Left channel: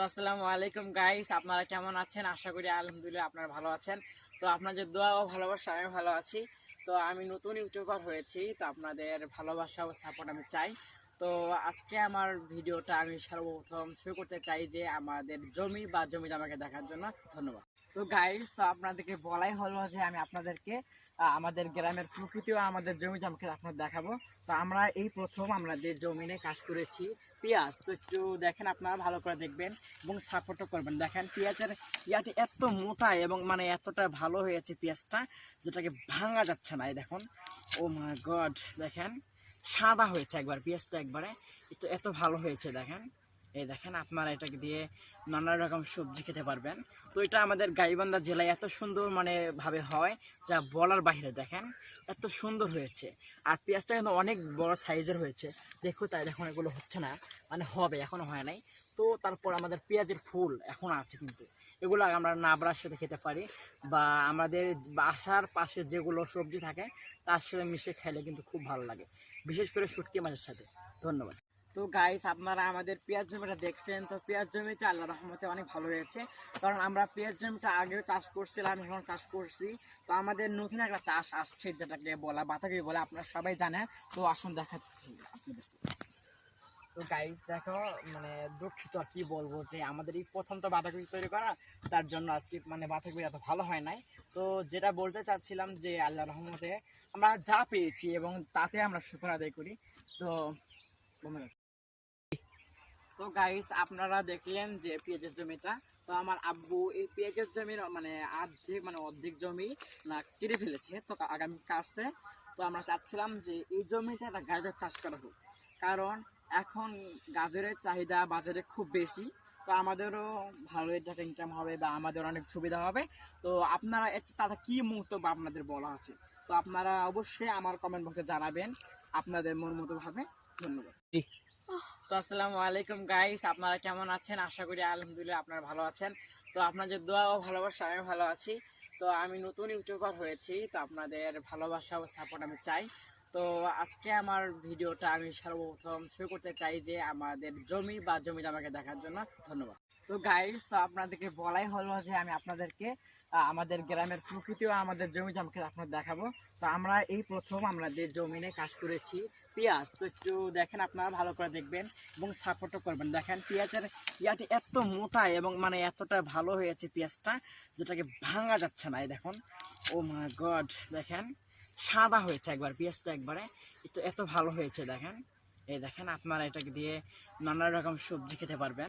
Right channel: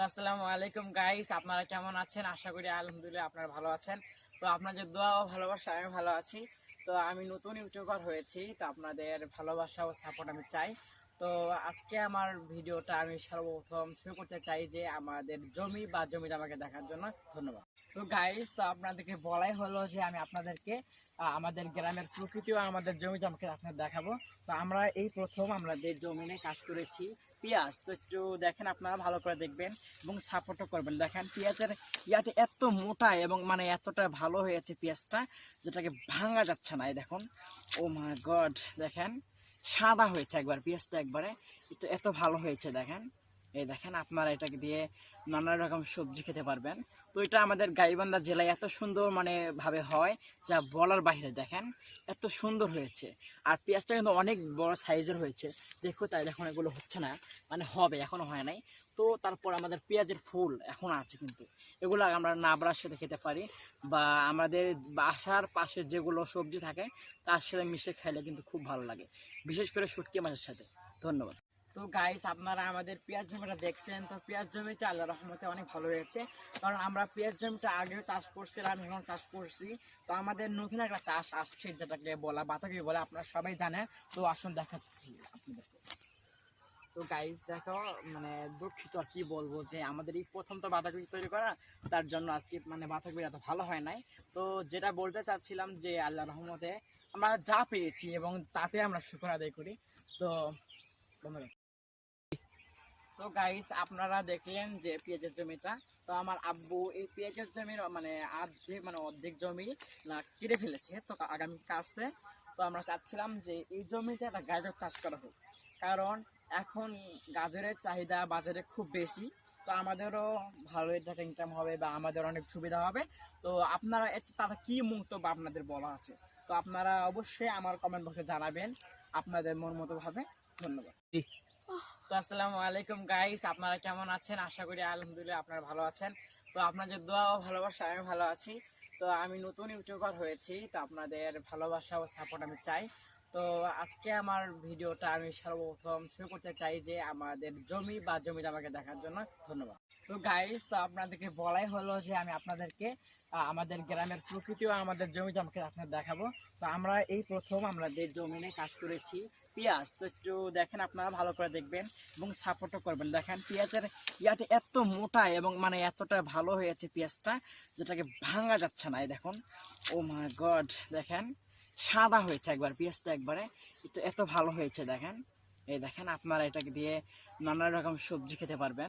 তো আসসালামু আলাইকুম গাইস, আপনারা কেমন আছেন? আশা করি আলহামদুলিল্লাহ আপনারা ভালো আছেন। তো আপনাদের দোয়া ও ভালোবাসা আমি ভালো আছি। তো আমি নতুন ইউটিউবার হয়েছি, তো আপনাদের ভালোবাসা ও সাপোর্ট আমি চাই। তো আজকে আমার ভিডিওটা আমি সর্বপ্রথম শুরু করতে চাই যে আমাদের জমি বা জমি জামাকে দেখার জন্য ধন্যবাদ। তো গাইস, তো আপনাদেরকে বলাই হলো যে আমি আপনাদেরকে আমাদের গ্রামের প্রকৃতি ও আমাদের জমি জামাকে আপনাদের দেখাবো। তো আমরা এই প্রথম আমাদের জমিনে চাষ করেছি পেঁয়াজ। তো একটু দেখেন, আপনারা ভালো করে দেখবেন এবং সাপোর্টও করবেন। দেখেন পেঁয়াজের ইয়াটা এত মোটা এবং মানে এতটা ভালো হয়েছে পেঁয়াজটা, যেটাকে ভাঙা যাচ্ছে না। এই দেখুন, ও মাই গড, দেখেন সাদা হয়েছে একবার পেঁয়াজটা, একবারে এত ভালো হয়েছে। দেখেন, এই দেখেন, আপনারা এটাকে দিয়ে নানা রকম সবজি খেতে পারবেন। তো এটা আমাদের গাইবান্ধা জেলায় এত সুন্দর মানে ভাবে হয় যা বলার বাইরে। দেখেন এত সুন্দর হয়েছে, আর পেঁয়াজটা কিন্তু অনেক বড় সাইজের হয়েছে। দেখো, তাই দেখুন এগুলো হচ্ছে না, মানে হবে, এখনো হয় নাই। তো তারপর আমাদের পেঁয়াজের ফুল এখন আছে, কিন্তু এগুলো আমরা নাবড়ার সাথে খেতে পারি, বা আমাদের বাসার পাশে যেগুলো সবজি থাকে তার সাথে মিশে খেলে কিন্তু খুব ভালো লাগে, বিশেষ করে শুটকি মাছের সাথে। ধন্যবাদ। তো গাইস, আপনারা আমাদের পেঁয়াজ জমিটা দেখছেন। তো পেঁয়াজ জমিটা আল্লাহ রহমতে অনেক ভালো হয়েছে, কারণ আমরা পেঁয়াজ জমিটা আগেও চাষ করছিলাম, এখন চাষ করছি। তো আমাদের নতুন একটা চাষ আসছে, যেটাকে বলা বাতাবি বলে, আপনারা সবাই জানেন। তো আসুন দেখাচ্ছি আপনাদেরকে। তো গাইস দেখো, মানে দুঃখিত আর কি বলবো, যে আমাদের এই প্রথম তো বাঁধাকপি তৈরি করা, তার জন্য আজকে মানে বাঁধাকপি এত ভালো হয় নাই। তো যেটা বলতে চাচ্ছিলাম যে আল্লাহ রহমতে আমরা যা পেয়েছি এবং তাতে আমরা শুকর আদায় করি। তো তো গাইস, আপনারা দেখলেন যে পেঁয়াজের জমিটা। তো আমার আব্বু এই পেঁয়াজের জমির মানে অর্ধেক জমি না কেটে ফেলেছে, তো আগামী কাটছে। তো আমরা চাচ্ছিলাম যে এই জমিতে একটা গাজর চাষ করা হোক, কারণ এখন গাজরের চাহিদা বাজারে খুব বেশি। তো আমাদেরও ভালো টাকা ইনকাম হবে, বা আমাদের অনেক সুবিধা হবে। তো আপনারা তারা কি মন্তব্য আপনাদের বলা আছে, তো আপনারা অবশ্যই আমার কমেন্ট বক্সে জানাবেন আপনাদের মন মতো ভাবে। ধন্যবাদ। তো আসসালামু আলাইকুম গাইস, আপনারা কেমন আছেন? আশা করি আলহামদুলিল্লাহ আপনারা ভালো আছেন। তো আপনাদের দোয়া ও ভালোবাসা আমি ভালো আছি। তো আমি নতুন ইউটিউবার হয়েছি, তো আপনাদের ভালোবাসা ও সাপোর্ট আমি চাই। তো আজকে আমার ভিডিওটা আমি সর্বপ্রথম শুরু করতে চাই যে আমাদের জমি বা জমি জামাকে দেখার জন্য ধন্যবাদ। তো গাইস, তো আপনাদেরকে বলাই হলো যে আমি আপনাদেরকে আমাদের গ্রামের প্রকৃতি ও আমাদের জমি জামাকে আপনাদের দেখাবো। তো আমরা এই প্রথম আমাদের জমিনে চাষ করেছি পেঁয়াজ। তো একটু দেখেন, আপনারা ভালো করে দেখবেন এবং সাপোর্টও করবেন। দেখেন পেঁয়াজের ইয়াটা এত মোটা এবং মানে এতটা ভালো হয়েছে পেঁয়াজটা, যেটাকে ভাঙা যাচ্ছে না। এই দেখুন, ও মাই গড, দেখেন সাদা হয়েছে একবার পেঁয়াজটা, একবারে এত ভালো হয়েছে। দেখেন, এই দেখেন, আপনারা এটাকে দিয়ে নানা রকম সবজি খেতে পারবেন।